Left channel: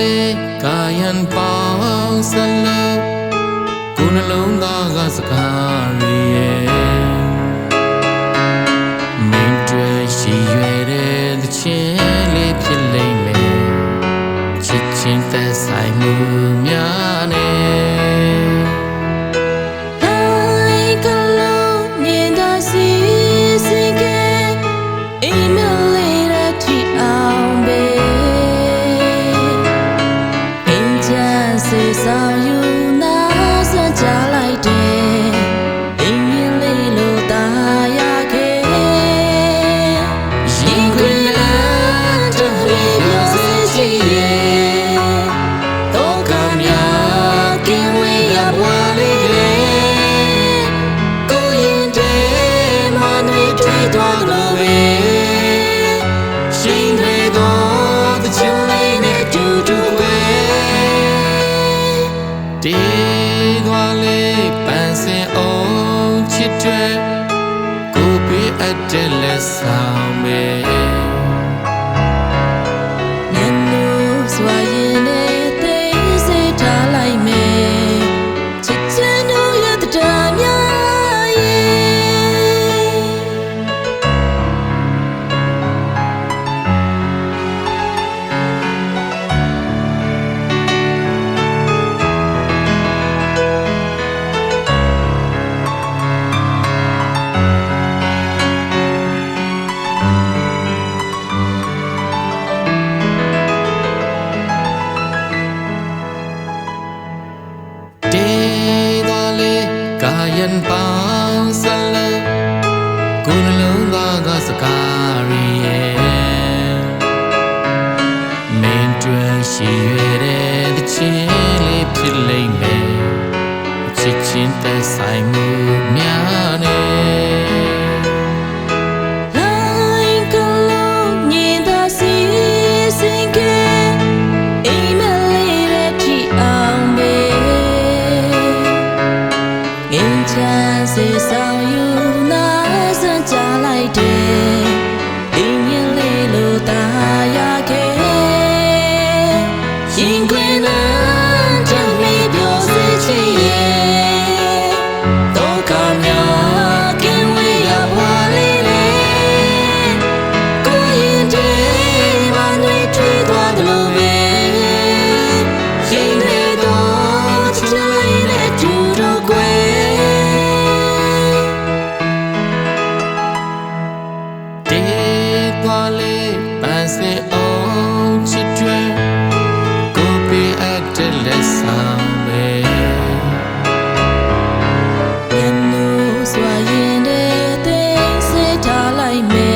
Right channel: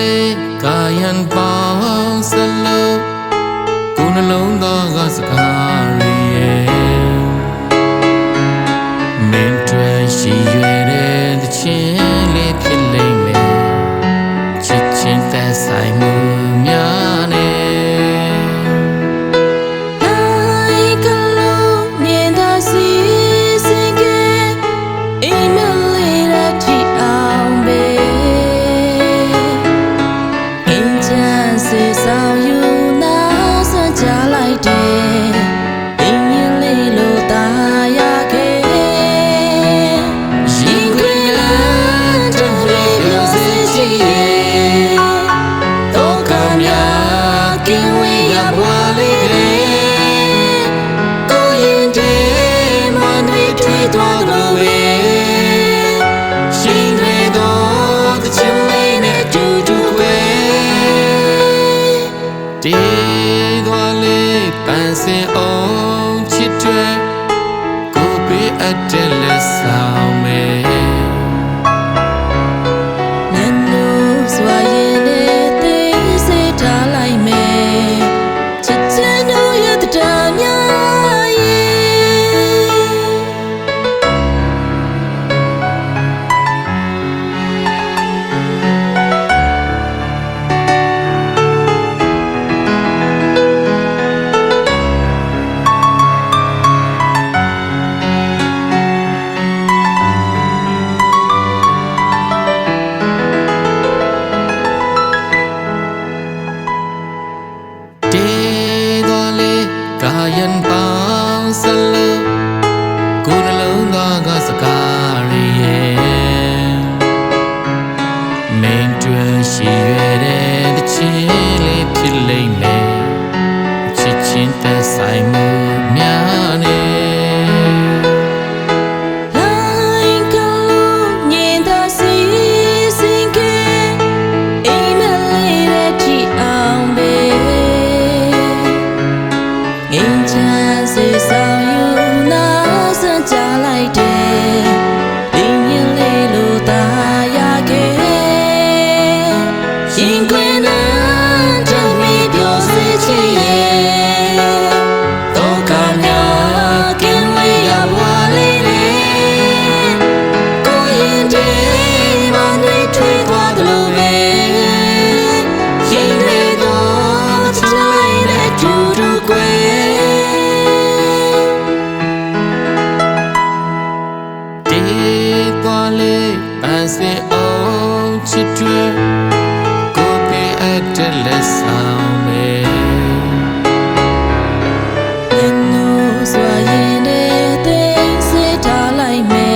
လေကာယံပေါင်းစလို့ကိုယ်နှလုံးသားကစကားရရဲ့မင်းတွေ့ရှိရွယ်တဲ့သချင်းလေးဖြစ်လိမ့်မယ်ချစ်ချင်းသက်ဆိုင်မှုများနဲ့လိုက်ကလုံးမြင်သာစီစင်ကဲအိမ်မလေးရတီအောင်ပဲအင်းချမ်းစေဆောင်ယူနာစွန့်ကြလိုက်တယ်အင်းရင်လေးလို့ตาရခဲ့ရင်ခွင်လန်းတမေပြောစေချီရဲ့တော့ကမြကင်းဝေးရပွားလေးတဲ့ကိုရင်တဲ့မနှွေထွေးသွားလို့ပဲရှင်တွေတော့တချင်လေးနဲ့တူတူခွဲတေးသွားလေးပန်းစင်အောင်ချစ်တွေကိုပေးအပ်တဲ့လက်ဆောင်ပဲညနိုးစွာရင်နဲ့သိစေထားလိုက်မယ်ချစ်ချင်တို့ရတဲ့များရဲ့တေးသွားလေကာယံပေါင်းစလို့ကိုယ်နှလုံးသားကစကားရရဲ့မင်းတွေ့ရှိရွယ်တဲ့သချင်းလေးဖြစ်လိမ့်မယ်ချစ်ချင်းသက်ဆိုင်မှုများနဲ့လိုက်ကလုံးမြင်သာစီစင်ကဲအိမ်မလေးရတီအောင်ပဲငင်းချမ်းစေဆောင်ယူနာစွန့်ကြလိုက်တယ်အင်းရင်လေးလို့ตาရခဲ့ရင်ခွင်နာတမေပြောစေချီရဲ့တော့ကမြကင်းဝေးရပွားလေးတဲ့ကိုရင်တဲ့မနှွေထွေးသွားတယ်လို့ပဲရင်တွေတော့ချစ်လေးနဲ့တူတူကွယ်တေးသွားလေပန်းစင်အောင်ချစ်တွေကိုပေးအပ်တဲ့လက်ဆောင်ပဲညနိုးစွာရင်တဲ့သိစေထားလိုက်မယ်